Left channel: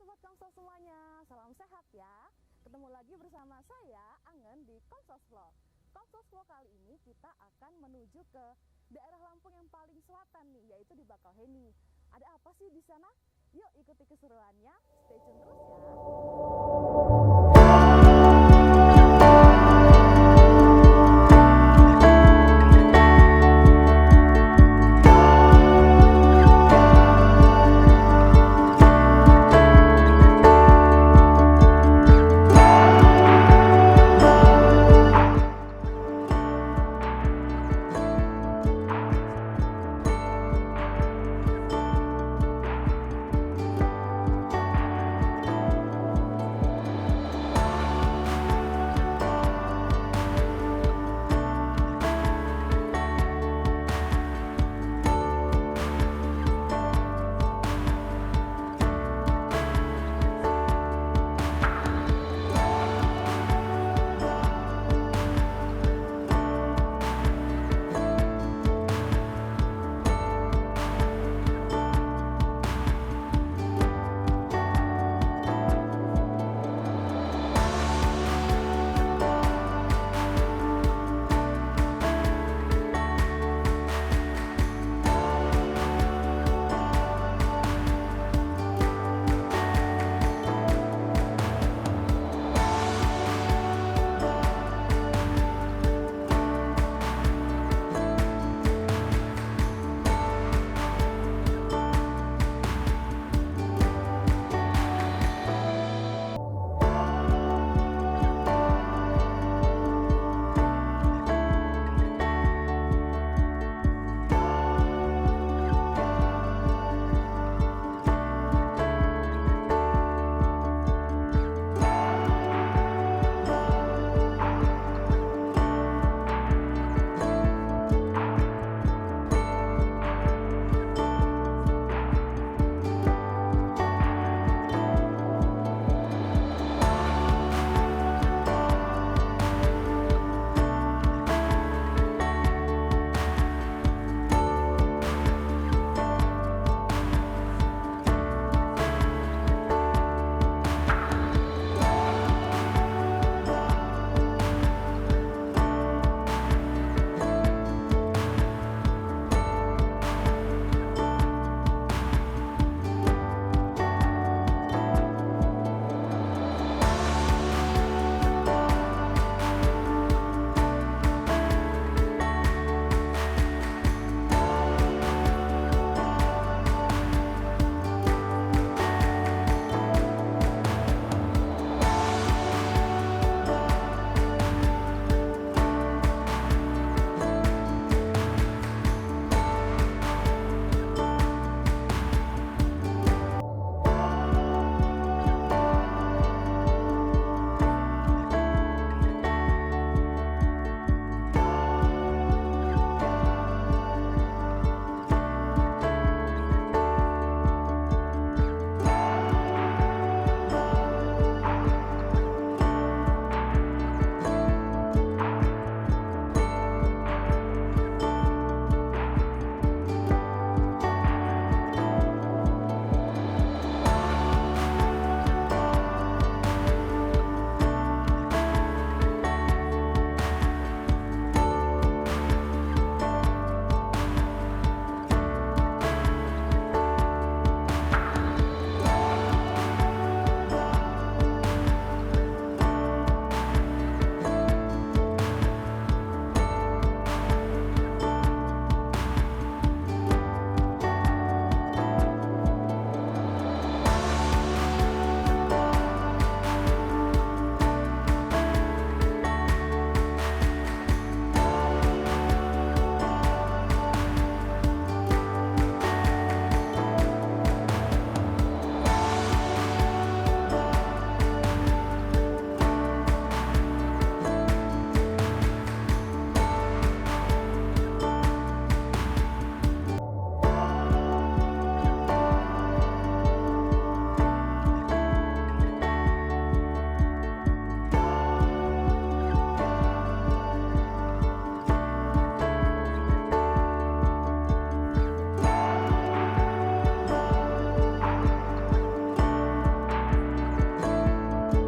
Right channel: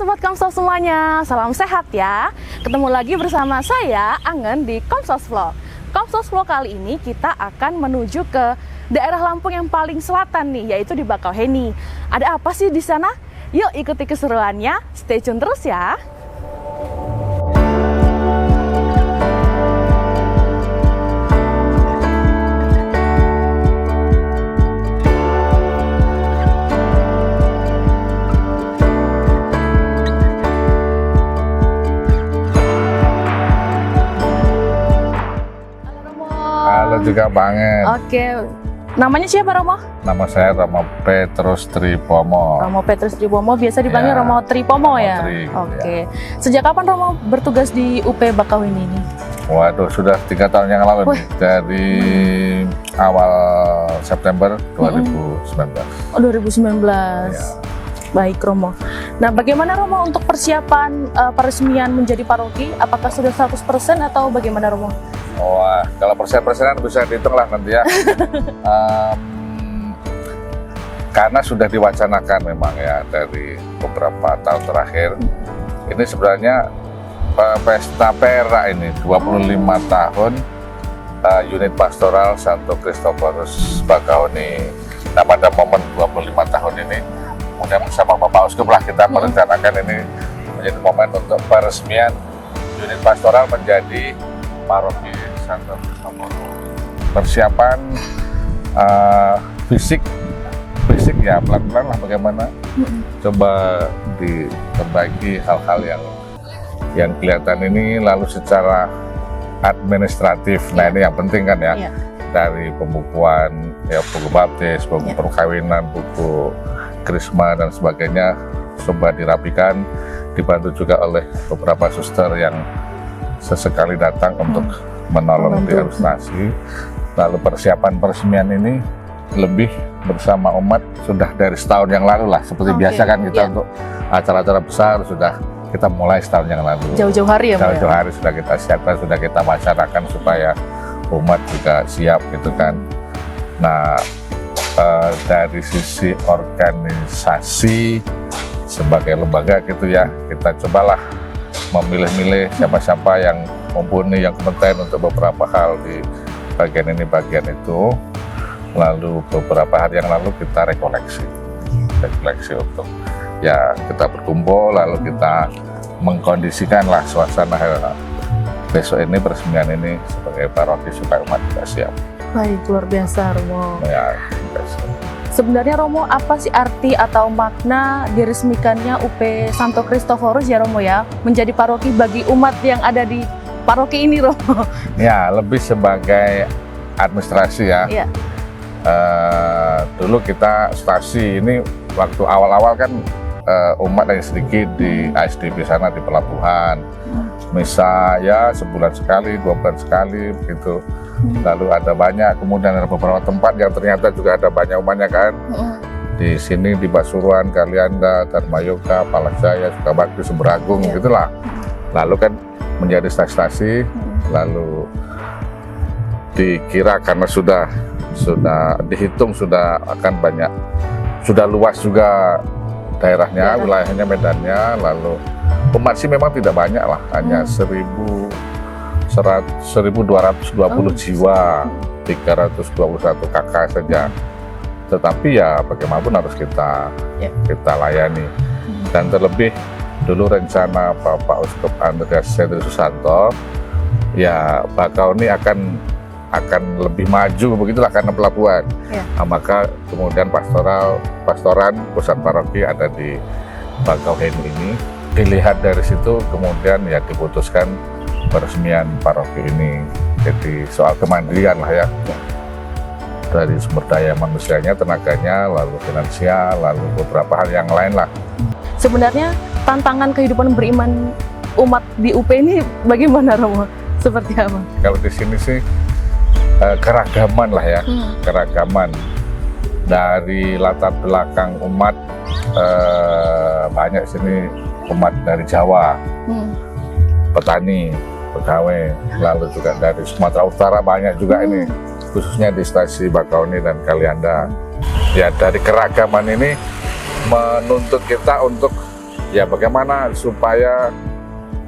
Sobat Komsos semuanya, salam sehat ya. Ketemu lagi bersama saya, Angen, di Komsos Vlog. Komsos Vlog kali ini kita akan menuju ke daerah Lampung yang paling selatan nih, yaitu di Bakauheni. Ada apa sih di sana? Yuk ikuti keseruannya, stay tune terus ya. Juga banget. Oke, namanya siapa Romo? Nama saya Romo Petrus Tripomo. Romo Petrus Tripomo, biasa dipanggil Ya. Romo Tripomo ya? Tri, Oke. ya. Sejak kapan Romo bertugas di UP Bakauheni ini? Waduh, sudah 3 tahun yang lalu nih, dari awal September 2019. Oh, 2019. Ya. Baik Romo. Nah, bagaimana Romo untuk persiapan peresmian menjadi paroki? Apakah sudah 100% atau bagaimana Romo? Wah, kalau persen-persenan bisa dihitung lah nanti ya. Karena sudah diwacanakan memang ya dari beberapa tahun terakhir. Ini sebenarnya pesta pera ini 25 tahun unit pastoral Santo Kristoforus Bakauheni. Nah, pada momen 25 tahun ini, kemudian bersama Bapak Uskup lah kita merencanakan ini menjadi momen untuk peresmian unit pastoral menjadi paroki Santo Kristoforus. Persiapan fisik ya pelan-pelan lah bagaimana. Coba diperbaiki hal-hal yang kelihatan ini, lalu secara administratif. Nah, ini yang penting kan ya. Iya. Dari pembukuan ya, buku baptis, buku perkawinan, buku krisma dan sebagainya coba dirapikan, dibantu juga oleh beberapa suster yang sesekali datang untuk menolong di administrasi. Lalu persiapan peresmian ini lebih bersama umat sudah dari setahun yang lalu lah, seperti biasa kan kita untuk acara-acara besar sudah kita mulai setahun yang lalu. Jauh-jauh hari ya Pak? Jauh-jauh hari sudah kita siapkan, sudah kita masyarakat supaya umat juga siap gitu kan. Nah, dari sisi organisasi sebagai lembaga gitu ya, kita cobalah memilih-milih siapa-siapa yang mumpuni, yang kompeten untuk beberapa hal di bagian ini, bagian itu. Lalu beberapa hari yang lalu kita rekoleksi untuk ya kita berkumpul, lalu kita mengkondisikan lah suasana besok ini, peresmian ini sebagai paroki supaya umat juga siap. Baik, luar biasa Romo. Ya, biasa. Sebenarnya Romo, apa sih arti atau makna diresmikannya UP Santo Kristoforus ya Romo ya, menjadi paroki bagi umat yang ada di paroki ini Romo? Ya, lebih sebagai administrasi ya. Iya. Dulu kita stasi ini waktu awal-awal kan umat yang sedikit di ASDP sana di pelabuhan. Misa ya sebulan sekali, 2 bulan sekali begitu. Lalu ada banyak, kemudian ada beberapa tempat yang ternyata juga ada banyak umatnya kan. Di sini di Pasuruan, Kalianda, Dharmayuga, Palajaya, Sukabakti, Sumber-Agung gitulah. Lalu kan menjadi stasi, lalu dikira karena sudah dihitung sudah akan banyak, sudah luas juga daerahnya, wilayahnya, medannya. Lalu umat sih memang tidak banyak lah, hanya 1.220 jiwa, 321 KK saja. Tetapi ya bagaimanapun harus kita layani. Dan terlebih dulu rencana Bapak Uskup Andreas Hendri Susanto, ya Bakauheni akan lebih maju begitulah karena pelabuhan. Nah, maka kemudian pastoran pusat paroki ada di Bakauheni ini. Dilihat dari situ kemudian ya diputuskan peresmian paroki ini. Jadi soal kemandirian lah ya, dari sumber daya manusianya, tenaganya, lalu finansial, lalu beberapa hal yang lain lah. Sebenarnya tantangan kehidupan beriman umat di UP ini bagaimana Romo? Seperti apa? Kalau di sini sih keragaman lah ya, keragaman dari latar belakang umat. Banyak sini umat dari Jawa, petani, pegawai, lalu juga dari Sumatera Utara banyak juga ini, khususnya di stasi Bakauheni dan Kalianda. Ya, dari keragaman ini menuntut kita untuk ya bagaimana supaya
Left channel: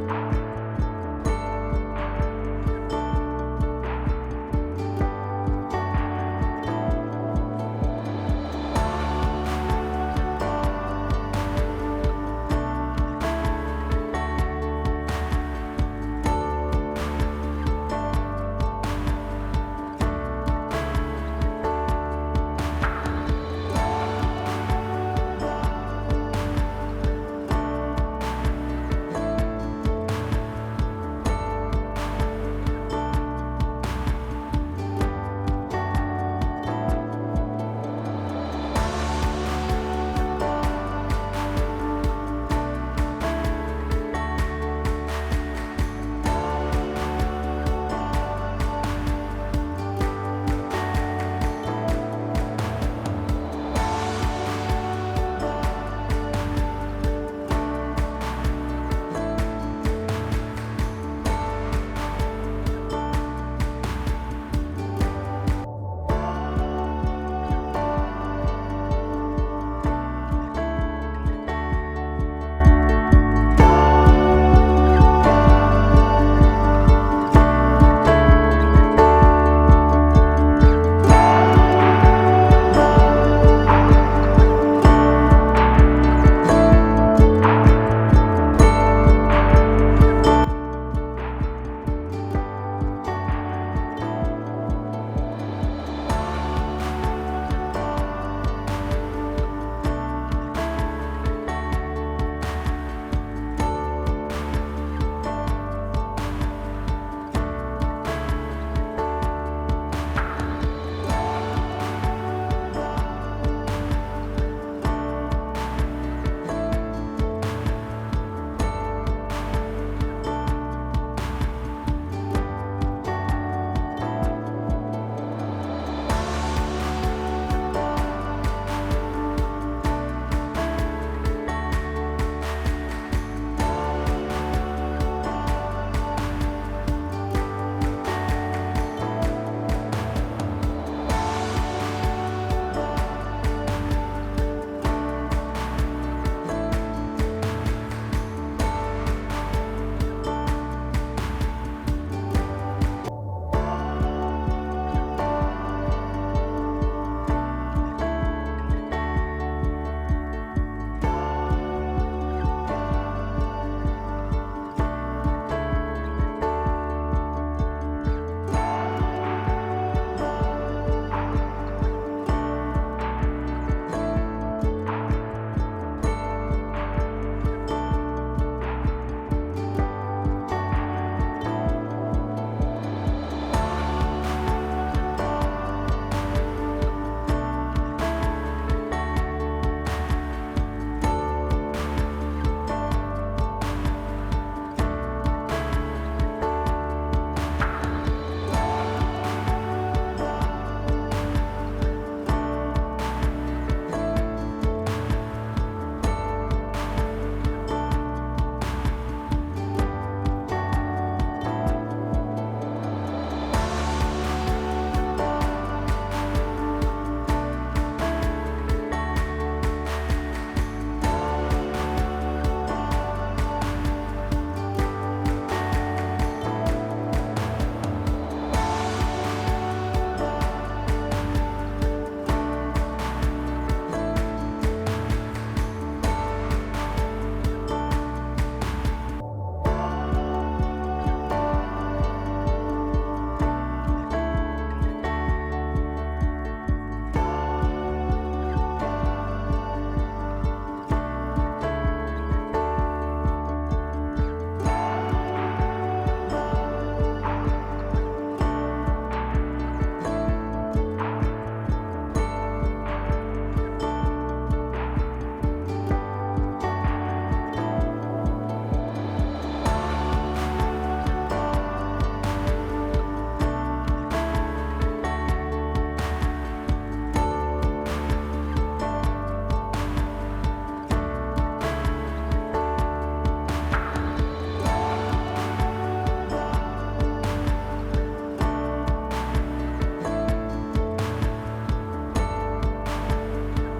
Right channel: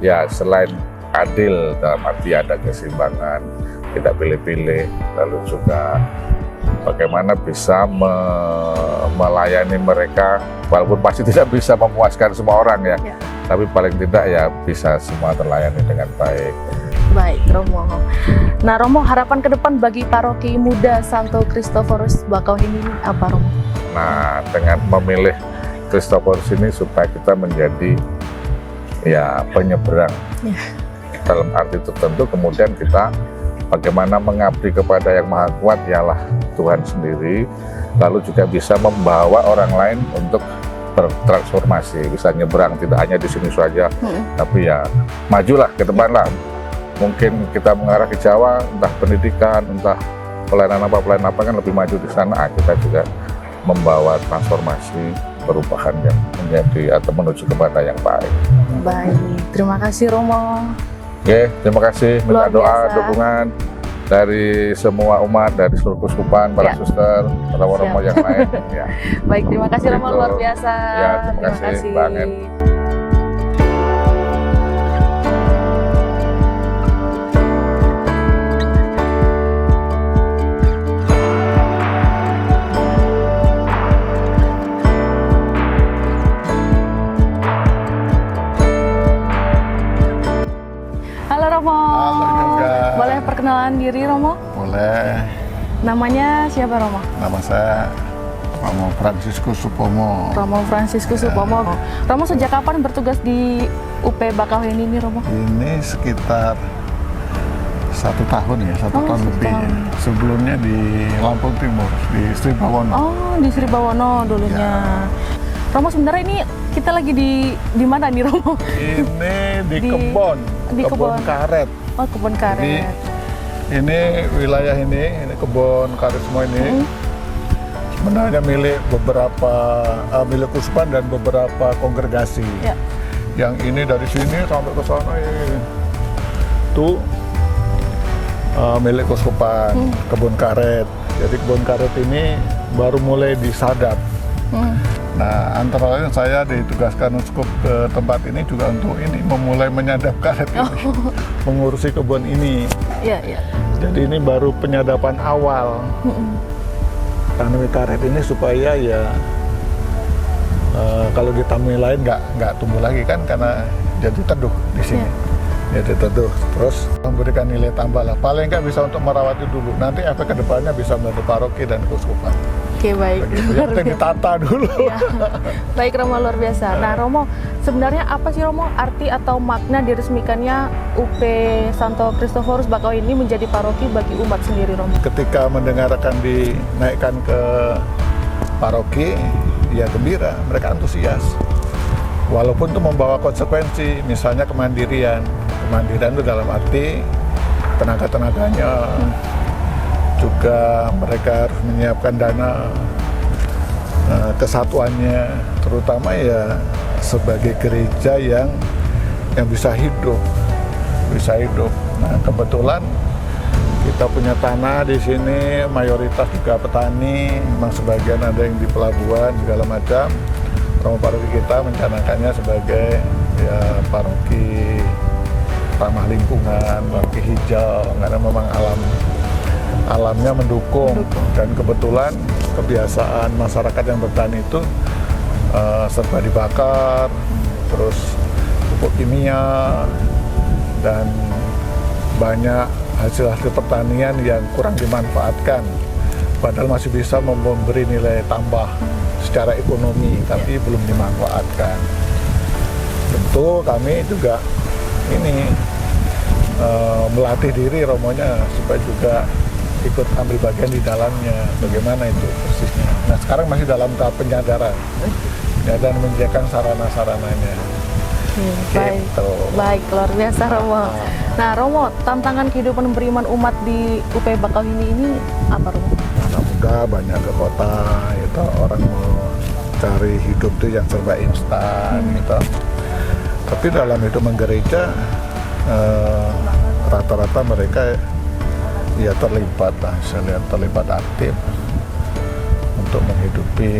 ya selain adil dalam arti ada keseimbangan, tidak pilih-pilih, lalu juga bagaimana bisa melayani mereka, walaupun pasti tidak bisa memuaskan semua orang ya, tapi paling tidak ya bisa semua terlayani dengan baik. Baik, Romo. Nah, Romo, harapan ke depan bagi paroki muda Santo Kristoforus Bakauheni ini apa, Romo? Nah, dengan memilih Kristoforus ini supaya kita menjadi ya penyeberang. Dalam arti tertentu, kemudian kita bagaimana mengabdi kepada yang maha kuat, ialah Tuhan sendiri, lalu juga bisa membawa orang lain untuk bertransformasi, bisa nyebrang, tidak hanya di sini saja, tapi ya majulah ke depan lah. Mungkin kita mengarah ke Jawa, entah pendidikan, entah pelayanan apa kan lebih maju di sana, kita juga membawa transformasi, perubahan yang menjadi atau menuju kepada yang baik. Baik, terima kasih Romo. Oke, terima kasih. Minta Luar doa, biasa. dukungan dari semua umat, dari seluruh keuskupan, para suster, romo-romo yang lain. Ya. Baik, terima kasih Romo, Gitu. luar biasa. Ya, terima kasih, Bang En. Halo Romo. Halo juga. Boleh perkenalan diri Romo? Boleh. Namanya siapa Romo? Nama saya Romo Franciscus Supomo. Romo Franciscus Supomo. Romo sejak kapan bertugas di UP Bakauheni ini Romo? Ini sekitar 1 tahun ya, 1 Oh, tahun 1 lebih. tahun. Ya. Sebelumnya di Lampung Timur, di Sri Bawono. Oh, di Sri Bawono dulunya. Romo, sebenarnya ini kita lagi di mana nih Romo? Ini di Di- kebun, di kebun kebun. karet. Oh, kebun karet. Ini wilayah ini kebun karet semua ini. Sebenarnya milik beberapa milik Kuspan dan beberapa kongregasi. Ya. Yang ini dari sini sampai ke sana ini tuh milik Kuskupan, kebun karet. Jadi kebun karet ini baru mulai disadap. Nah, antara lain saya ditugaskan uskup ke tempat ini juga untuk ini memulai menyadap karet ini, mengurusi kebun ini. Iya, iya. Jadi ini baru penyadapan awal. Tanami karet ini supaya ya kalau ditanami lain nggak tumbuh lagi kan karena jadi teduh di sini. Jadi teduh terus memberikan nilai tambah lah. Paling nggak bisa untuk merawat itu dulu. Nanti efek kedepannya bisa membantu paroki dan keuskupan. Oke, baik. Yang penting ditata dulu. Baik Romo, luar biasa. Nah Romo, sebenarnya apa sih Romo arti atau makna diresmikannya UP Santo Kristoforus Bakauheni ini menjadi paroki bagi umat sendiri Romo? Ketika mendengarkan dinaikkan ke paroki, ya gembira, mereka antusias. Walaupun itu membawa konsekuensi, misalnya kemandirian. Kemandirian itu dalam arti tenaga-tenaganya, juga mereka harus menyiapkan dana kesatuannya, terutama ya sebagai gereja yang bisa hidup. Nah, kebetulan kita punya tanah di sini, mayoritas juga petani, memang sebagian ada yang di pelabuhan segala macam. Romo paroki kita mencanakannya sebagai ya paroki ramah lingkungan, paroki hijau, karena memang alamnya mendukung. Dan kebetulan kebiasaan masyarakat yang bertani itu serba dibakar, terus pupuk kimia, dan banyak hasil-hasil pertanian yang kurang dimanfaatkan, padahal masih bisa memberi nilai tambah secara ekonomi, tapi belum dimanfaatkan. Tentu kami juga ini melatih diri romonya supaya juga ikut ambil bagian di dalamnya, bagaimana itu persisnya. Nah, sekarang masih dalam tahap penyadaran dan menyediakan sarana-sarananya. Baik, Gitu. baik, luar biasa Romo. Nah Romo, tantangan kehidupan beriman umat di UP Bakauheni ini apa Romo? Anak muda banyak ke kota, gitu. Orang mau cari hidup tuh yang serba instan, gitu. Tapi dalam hidup menggereja, rata-rata mereka ya terlibat lah, saya lihat terlibat aktif untuk menghidupi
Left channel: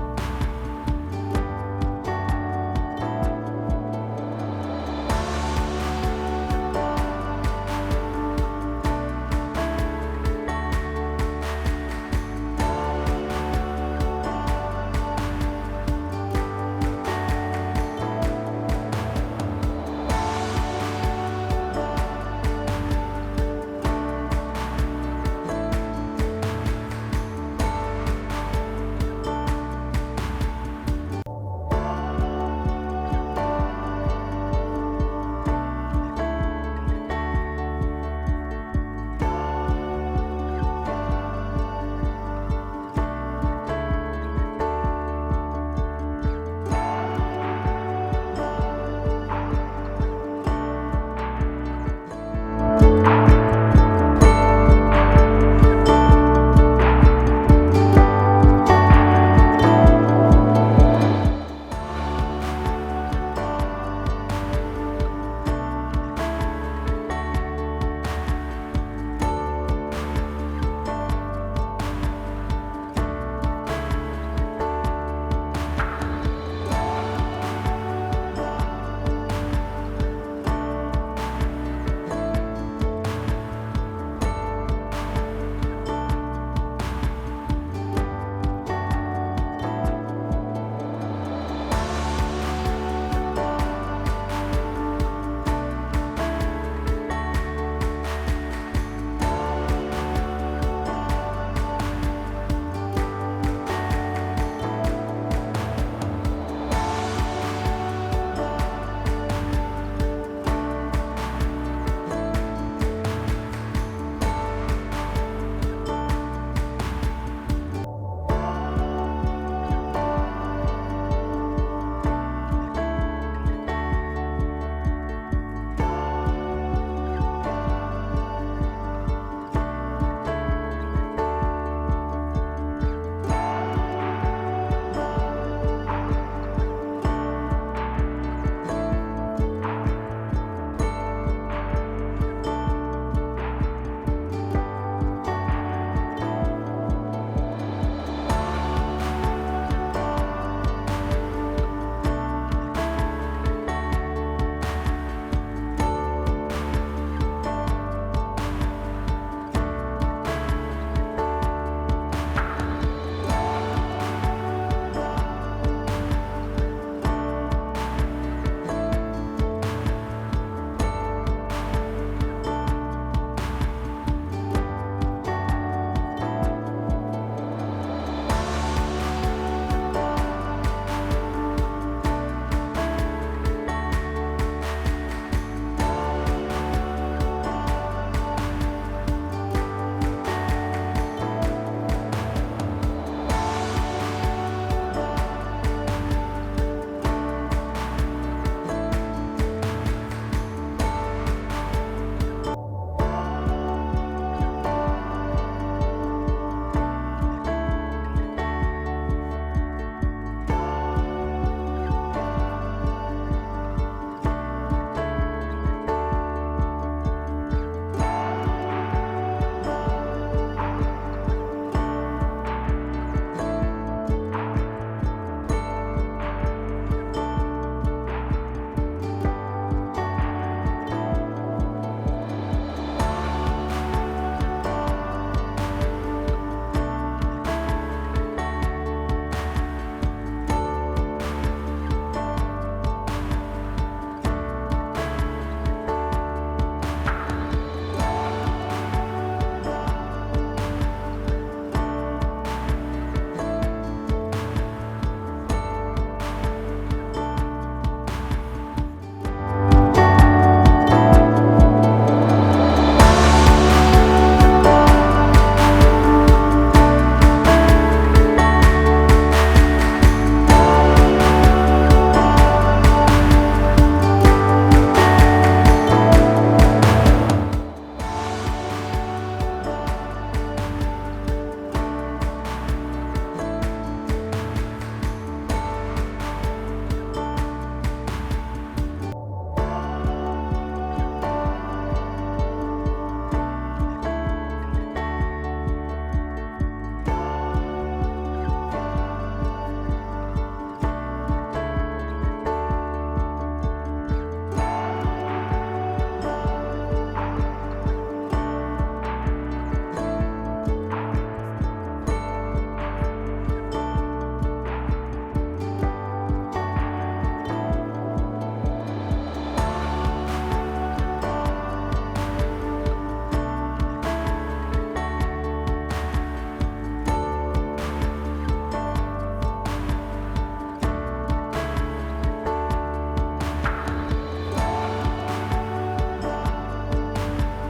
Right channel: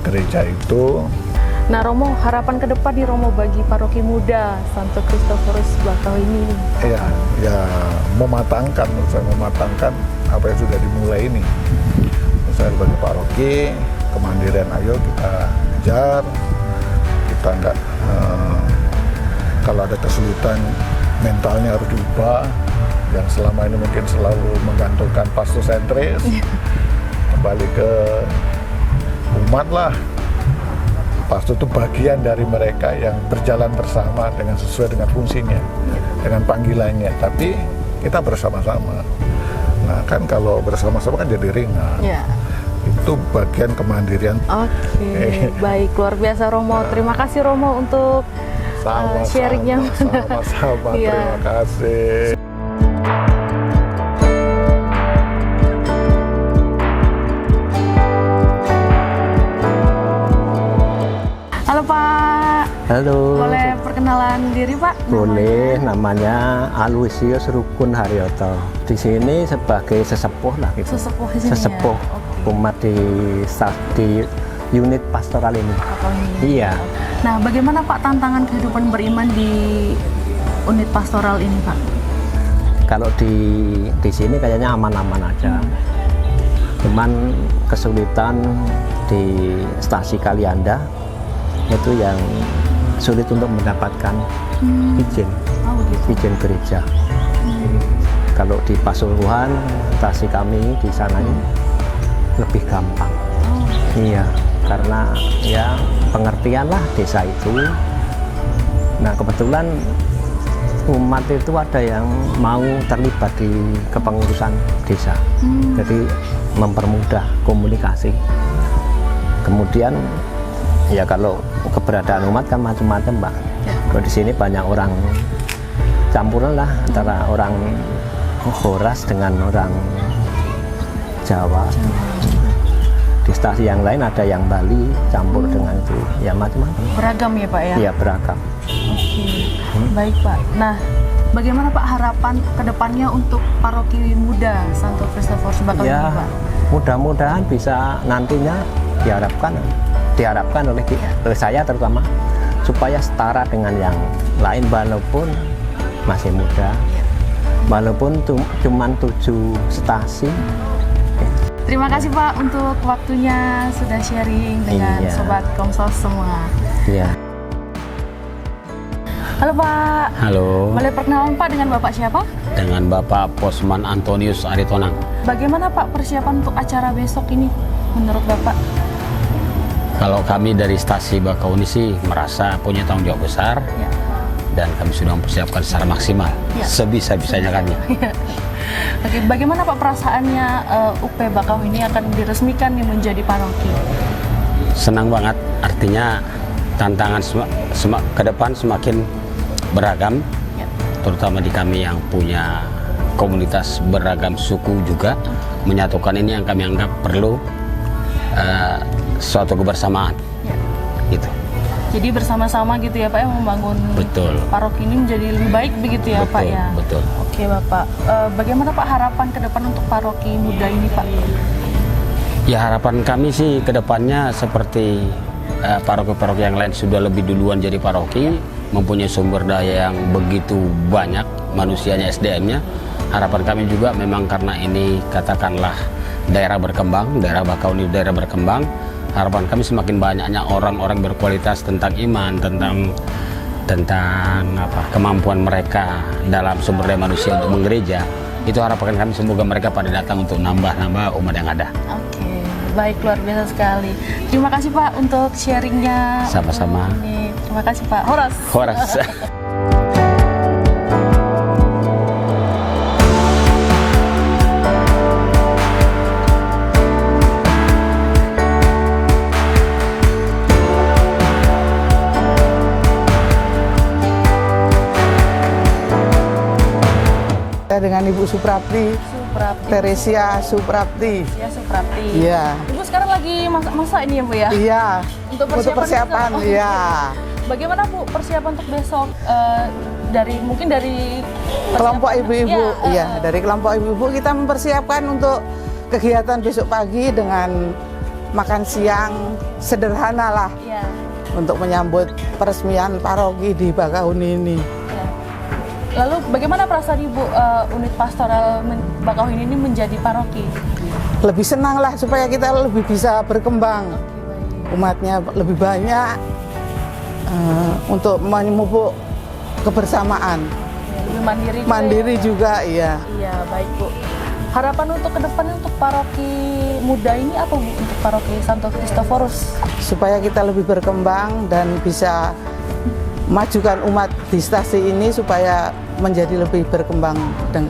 gereja itu. Nah Romo, harapan ke depan nih Romo bagi paroki muda Santo Kristoforus Bakau ini. Ya, ya mematangkan, menurut saya mematangkan apa yang sudah dimulai ini. Saya sebagai paroki, kemandirian ayo kita kejar, kita nggak kalau ada kesulitan mentalnya harus diubah, yang selama ini mungkin selalu menggantungkan pastosentris, kembali ke umat lah. Pastor itu bagian dari mereka yang berjalan bersama dengan sesuai dengan fungsinya, dengan panggilannya, tapi kita bersama-sama. Nah kan kalau bersama-sama kan jadi ringan. Ya. Itu bagian kemandirian. Oke, baik, luar biasa Romo. Terima kasih Romo untuk sharingnya. Sama-sama, Iya. terima kasih. Halo Pak, Halo. boleh perkenalan diri Pak? Boleh, namanya Aloysius Rukun Haryoto. Di sini sebagai sesepuh lah gitu. Sesepuh di sini Sesepuh ya? Oke. umat di unit pastoral ini. Bakau ini. Iya. Nah, bagaimana Pak tantangan kehidupan beriman di unit pastoral ini Pak? Kalau di sini kayaknya aman-aman aja. Cuman kesulitan di stasi Kalianda itu yang sulit untuk mendapatkan izin begitu. gereja. Kalau di Pasuruan, stasi kami di sana ini lebih gampang. Iya, karena ya pengertian lah desa itu. Nah kebetulan umat itu ada yang mau terlibat di kepengurusan desa, jadi mempermudah komunikasi. Kemudian ya kalau keberadaan umat kan macam-macam Pak. Kalau di sini banyak orang campuran lah antara orang Horas dengan orang Jawa. Di stasi yang lain ada yang Bali campur dengan itu, ya macam-macam. Beragam ya Pak ya? Iya beragam. Baik Pak. Nah, bagaimana Pak harapan ke depannya untuk paroki muda Santo Kristoforus Bakau ini Ya Pak? mudah-mudahan bisa nantinya diharapkan oleh saya terutama supaya setara dengan yang lain walaupun masih muda, walaupun cuma 7 stasi. Terima kasih Pak untuk waktunya sudah sharing dengan Iya. Sobat Komsos semua. Iya. Halo Pak, Halo, boleh perkenalan Pak dengan Bapak siapa? dengan Bapak Posman Antonius Aritonang. Bagaimana Pak persiapan untuk acara besok ini menurut Bapak? Kalau kami dari stasi Bakau ini sih merasa punya tanggung jawab besar Ya. dan kami sudah mempersiapkan secara maksimal, Ya. sebisa-bisanya kan ya. Oke, bagaimana Pak perasaannya UP Bakau ini akan diresmikan nih menjadi paroki? Senang banget, artinya tantangan ke depan semakin beragam, Ya. terutama di kami yang punya komunitas beragam suku juga, menyatukan ini yang kami anggap perlu suatu kebersamaan. Ya. Gitu. Jadi bersama-sama gitu ya Pak ya membangun Betul. paroki ini menjadi lebih baik begitu ya Pak ya? Betul. Oke Bapak, bagaimana Pak harapan ke depan untuk paroki muda ini Pak? Ya harapan kami sih ke depannya seperti paroki-paroki yang lain sudah lebih duluan jadi paroki, mempunyai sumber daya yang begitu banyak, manusianya, SDM-nya. Harapan kami juga memang karena ini katakanlah daerah berkembang, daerah Bakau ini daerah berkembang, harapan kami semakin banyaknya orang-orang berkualitas tentang iman, tentang kemampuan mereka dalam sumber daya manusia untuk menggereja. Itu harapan kami, semoga mereka pada datang untuk nambah-nambah umat yang ada. Oke, baik, luar biasa sekali. Terima kasih Pak untuk sharingnya. Sama-sama. Terima kasih Pak. Horas. Horas. Dengan Ibu Suprapti, Teresia Suprapti. Ya, Suprapti. Iya. Ibu sekarang lagi masak-masak ini ya Bu ya? Iya. Untuk Untuk persiapan, besok. iya. Bagaimana Bu persiapan untuk besok? Mungkin dari Kelompok persiapan- ibu-ibu, Ya, iya. Dari kelompok ibu-ibu kita mempersiapkan untuk kegiatan besok pagi dengan makan siang sederhana lah. Iya. untuk menyambut peresmian paroki di Bakahuni ini. Lalu bagaimana perasaan Ibu unit pastoral Bakahuni ini menjadi paroki? Lebih senang lah supaya kita lebih bisa berkembang, umatnya lebih banyak, untuk memupuk kebersamaan. Lebih mandiri juga Mandiri ya? juga, iya. Iya, baik Bu. Harapan untuk ke depan untuk paroki muda ini apa Bu? Untuk paroki Santo Kristoforus? Supaya kita lebih berkembang dan bisa majukan umat di stasi ini supaya menjadi lebih berkembang dan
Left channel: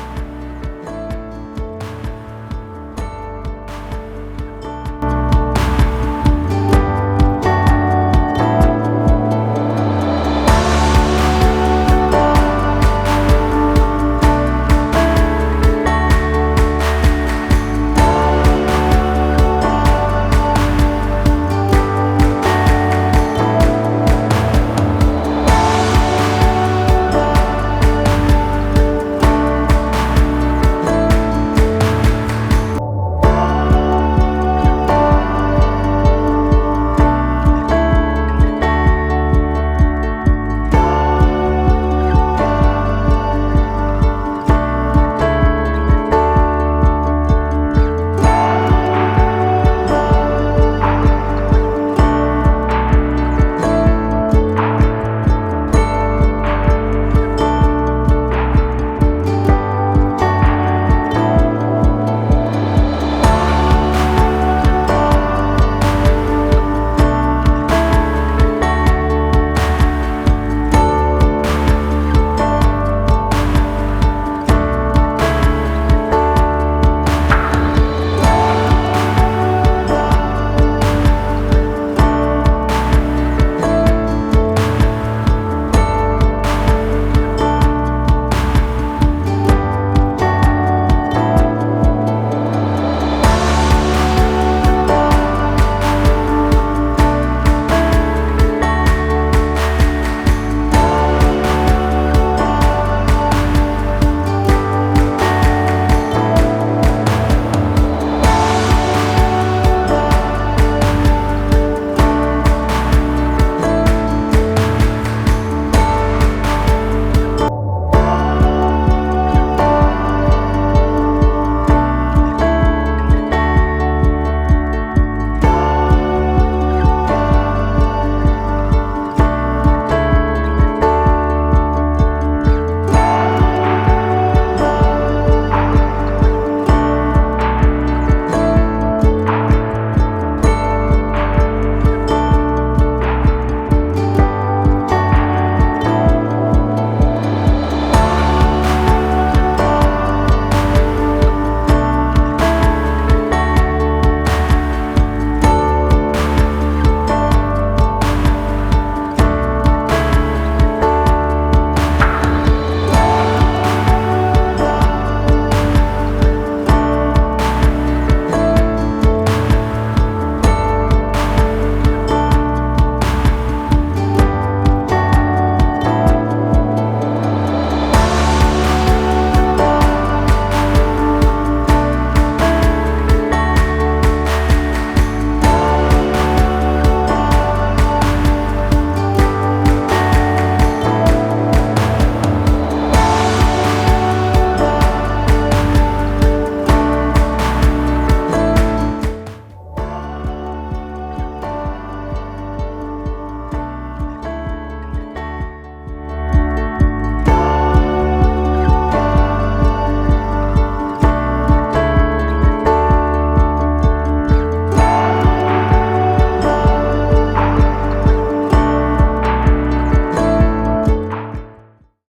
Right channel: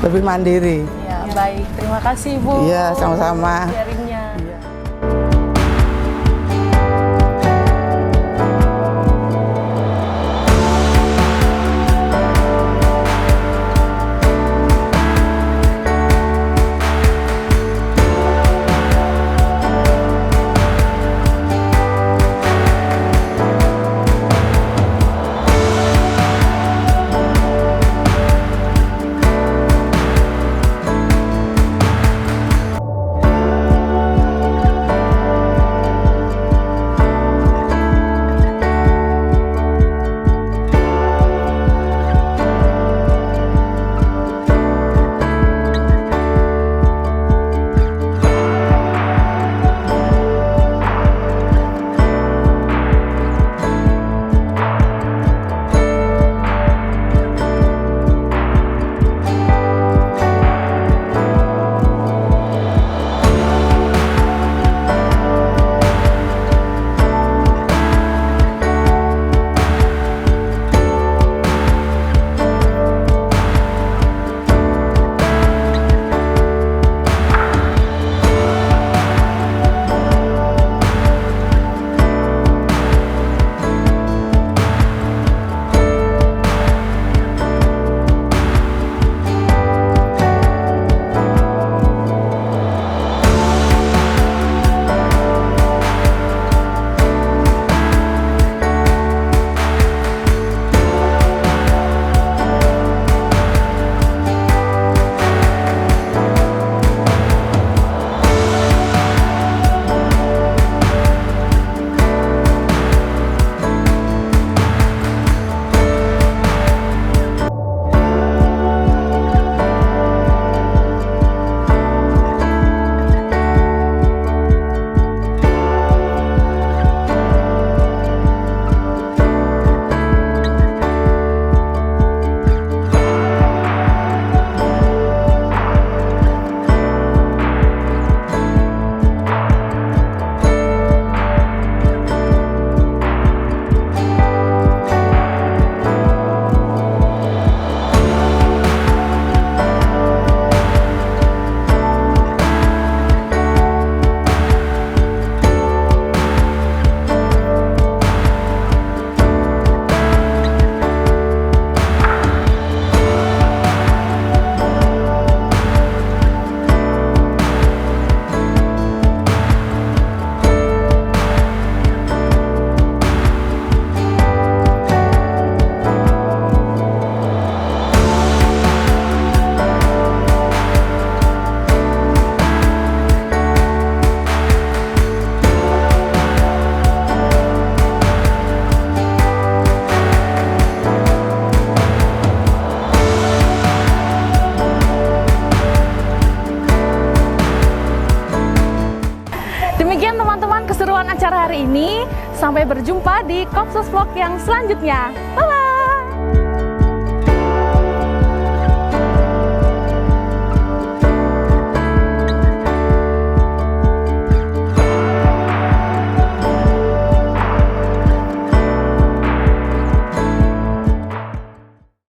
lebih mandiri. Ya, baik. Terima kasih Bu. Iya, sama-sama. Sharingnya. Sampai berjumpa di Komsos Vlog yang selanjutnya. Bye-bye!